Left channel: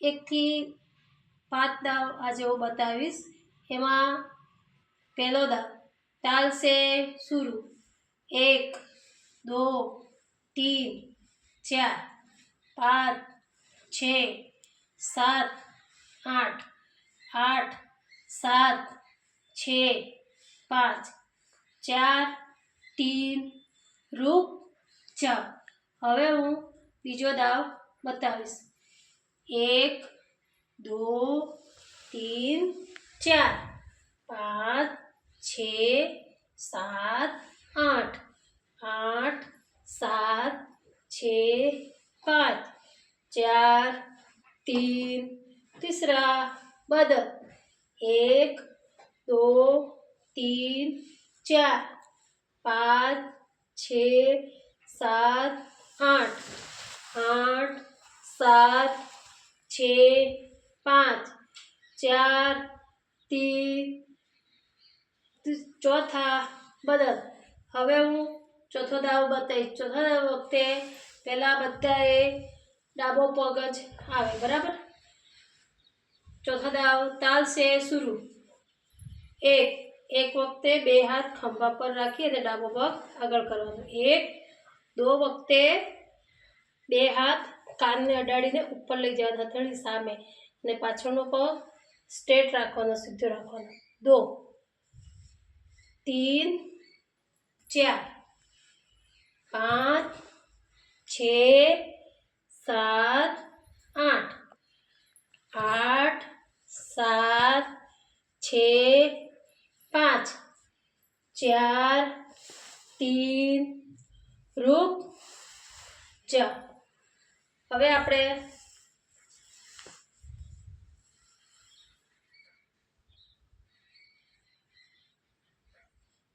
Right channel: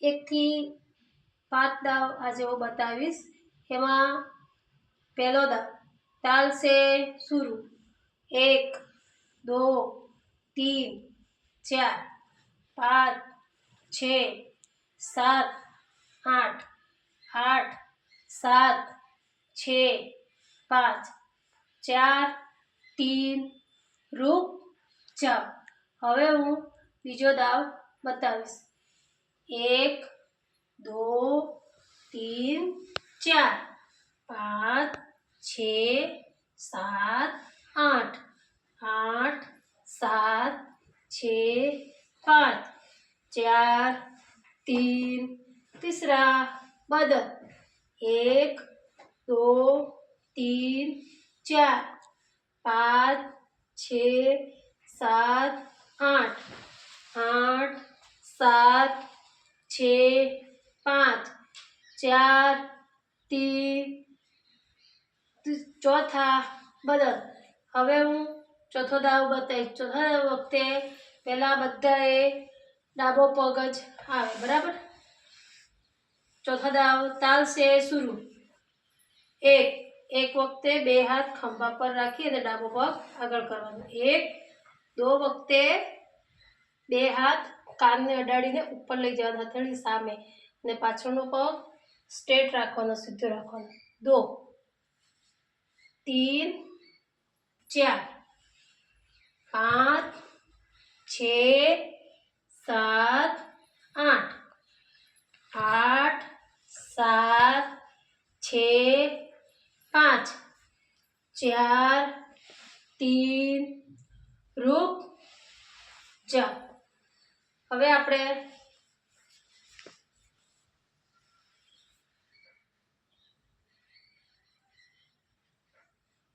1 થી 5 દાવ આજે હું बतावीश। एमां पहलो दाव ताल से शुरू 1 2 3 4 5 6 7 8 8 7 6 5 4 3 रुक जाओ। हवे हूँ बीजो दाव बतावीश 1 2 3 4 5 6 7 8 8 7 6 5 4 3 तीसरा बदल 1 2 3 4 5 6 7 8 8 7 6 5 4 3 चौथा बदल। हवे हूँ चौथो दाव बताईश। चौथा वखते पहला बधाए डाबो पग ज आवे बराबर। चौथा दाव ताल से शुरू 1 वखते बे हाथ खंभा पर राखी अने डाबो पग आगळ करवानो। 1 2 वखते बे हाथ कान ने अडाड़ीने ऊपर लई जवाना हथेळी सामे अने पाछळनो पग स्ट्रेट राखवानो, सीधो राखवानो। 2 3 4 5 6 7 8 8 7 6 5 4 3 रुक जाओ। हवे आपणे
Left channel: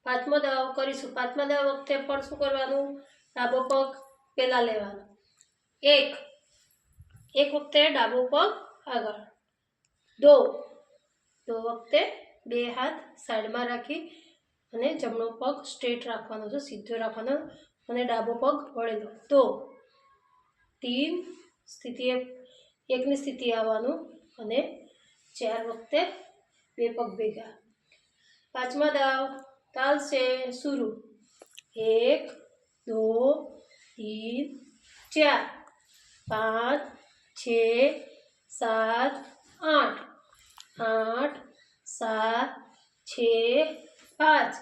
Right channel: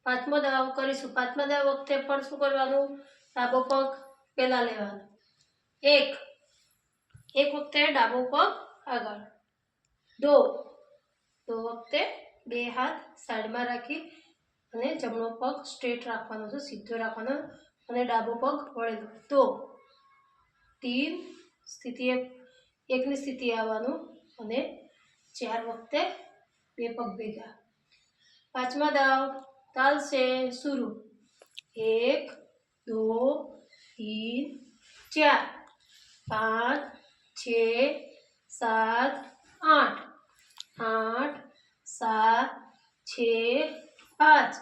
पांचमो दाव करीशुं। पांचमा दाव वखते पण शुं करवानुं? डाबो पग पहेला लेवानो। 1 वखते डाबो पग आगळ। 2 वखते बे हाथ साइड में राखी अने जमणो पग स्ट्रेट राखवानो छे, सीधो राखवानो अने डाबो पग वळेलो। तो 3 स्थिति 1 नी स्थिति आववानुं अने 4 वखते बे पग भेगा। पांचमा दाव ताल से शुरू 1 2 3 4 5 6 7 8 8 7 6 5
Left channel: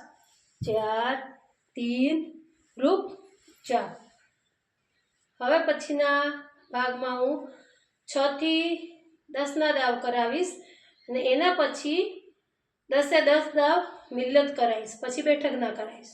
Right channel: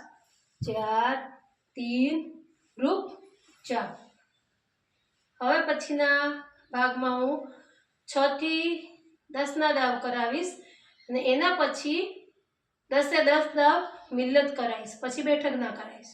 4 3 रुक जाओ। हवे पछीना भागमां हूँ 6 થી 10 ना दाव करावीश अने एना पछी 10 से 10 दाव मिलत कराईश, पछी बैठक ना कराईश।